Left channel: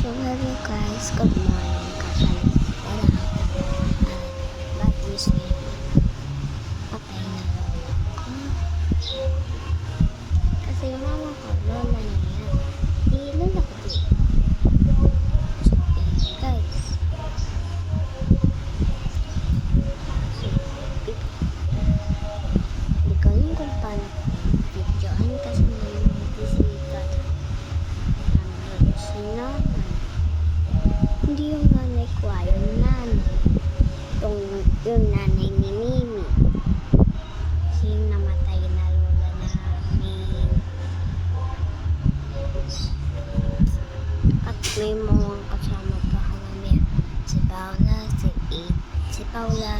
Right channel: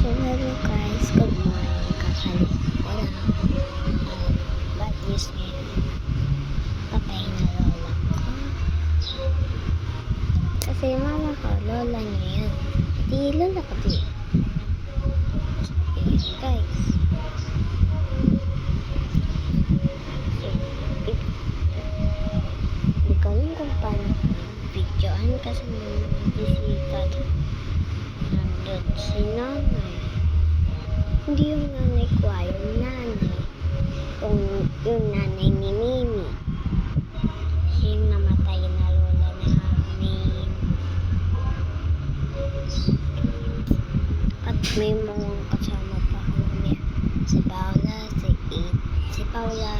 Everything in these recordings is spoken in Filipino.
So hello guys, good morning. Kakalit ko lang. Bad news ngayon. Patay na lola ko. Kasi mama ko, lola niya yan. Di lola ko di. So ayan guys. So, di ko alam kung paano videohan kasi may mga bisita. Nandun si nanay. Hindi yung nanay ko, yung nanay. Yung nanay ni Mimi. Siya yung namatay na lola namin. At may mga kasama pa kami. Si Paula,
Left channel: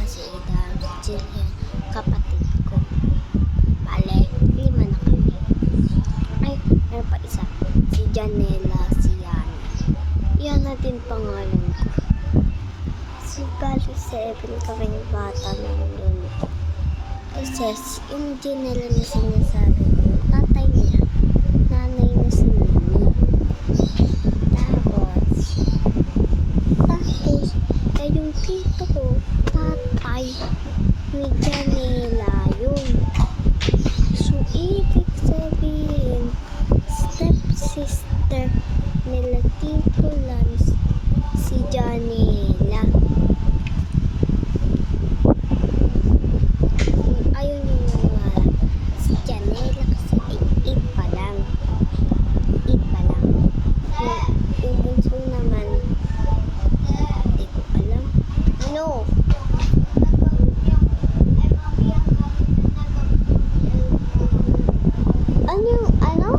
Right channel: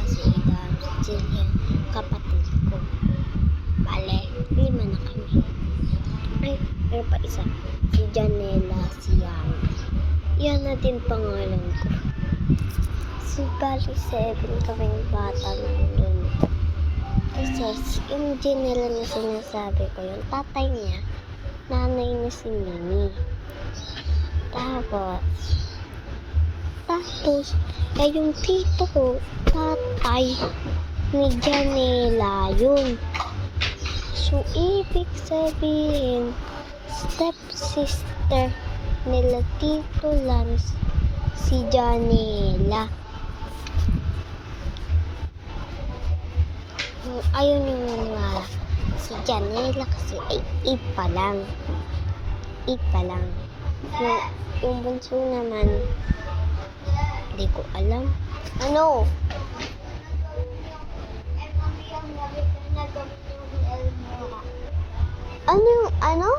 si Idan, si Jillian, kapatid ko. Bale, 5 na kami. Ay, meron pa isa. Si Janela, si Yana. Yana din pangalan ko. Si bali 7 kaming bata nandun. Kasi yung Janela na sinasabi ko, yung tatay niya, nanay na si Mimi. Tapos, yung tito ko, tatay ni Janela yun. So, ibig sabihin, stepsister nila Tito Lance, si Janela. Ayun yung si Janela kasi ay 8 pa lang. 8 pa lang. Yung bunso naman, hindi ko alam. Ano? Ano?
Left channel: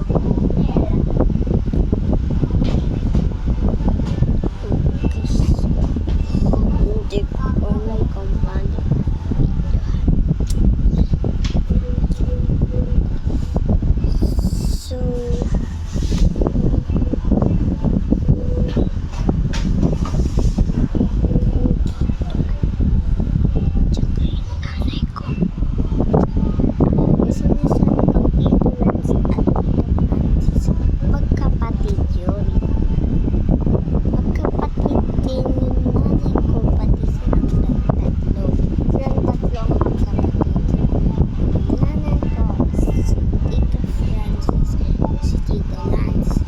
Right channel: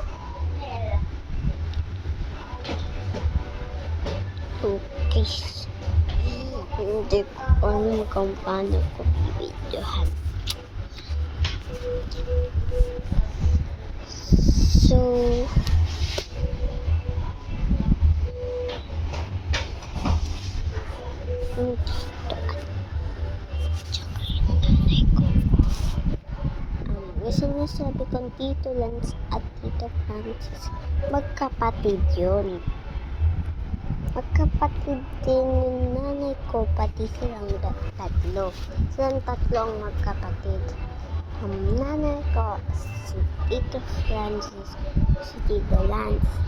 Okay. Hindi ko alam kung paano ko i-videohan. So, tsaka yung nanay ko. Kasi nasabi kong Tito Lance at Tito Francis, magkapatid yun. Magkapatid din yung nanay ko, pati silang tatlo. Silang tatlo ang magkapatid. Ang nanay ko, si Tito Francis, si Tito Lance.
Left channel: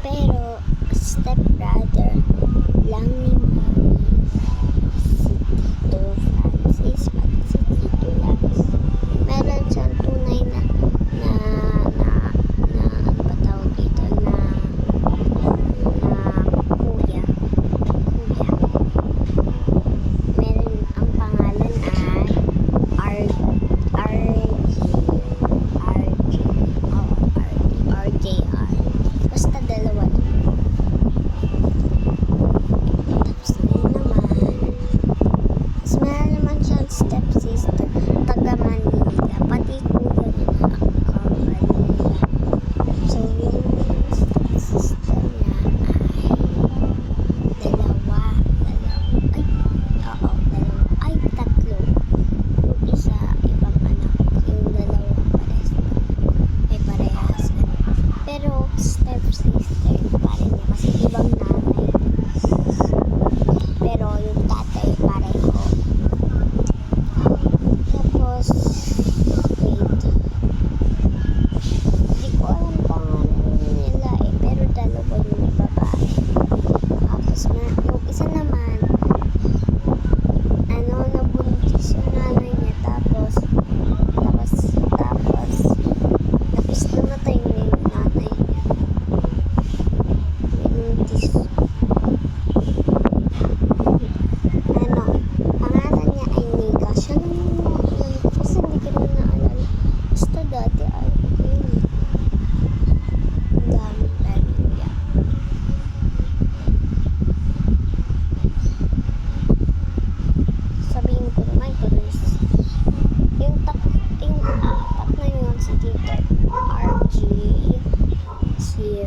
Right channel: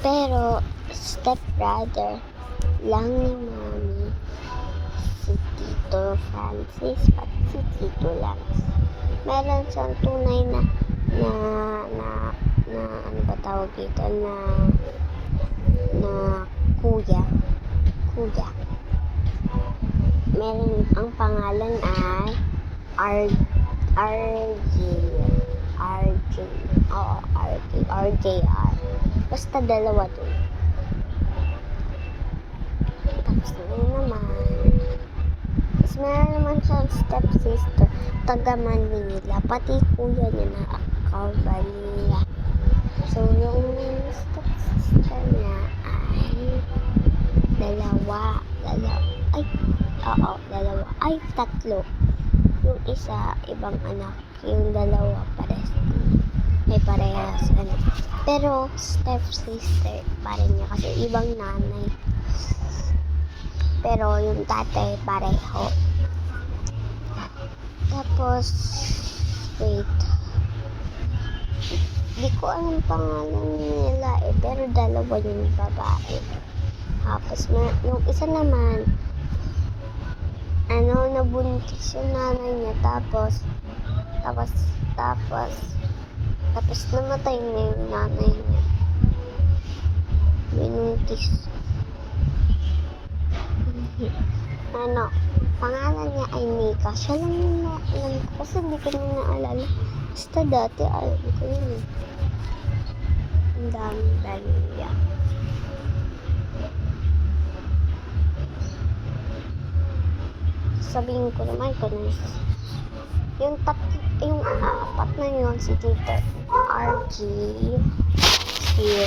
Pero, stepbrother lang ni Mami, si Tito Francis at si Tito Lance. Meron siyang tunay na ano ba tawag dito, na kuya. Meron, ang pangalan ay RJR. Basta dalawa doon. Tapos meron naman siyang stepsister, taga Manila, pati kuya nila, Manila. So, yung stepsister niya ay tatlo. Yung isa, ibang anak. Yung dalawa, parehas. Pero, stepsister pa rin niya kasi ibang nanay. Pero, yung tatay, pareho. Tapos, wait. Hindi ko alam pangalan nila pero dalawa yung babae. Tapos, yung isa naman, nabuntis yung nanay niya. Tapos, namatay na yung nanay niya. Binuntis. Pangalan niya ay Nika. Siya lang yun. Kasi hindi ko na naalala. Basta dati, alam ko yun. Ang dami niya. Sabihin ko naman kung yung apat na yun, si Tito RG, si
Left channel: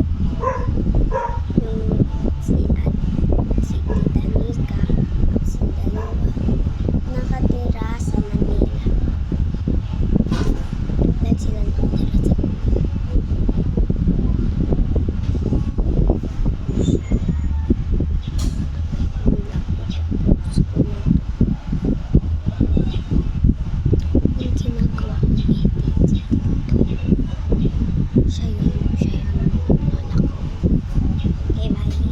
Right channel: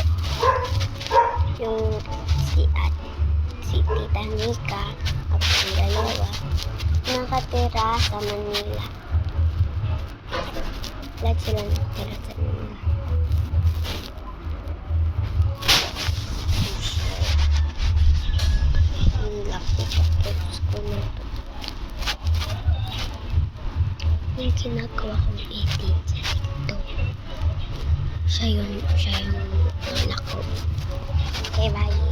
Tita Nika, at si dalawa, nakatira sa Manila. Like sila nakatira sa Manila. dito. Siya yung anak ko. Okay, bye.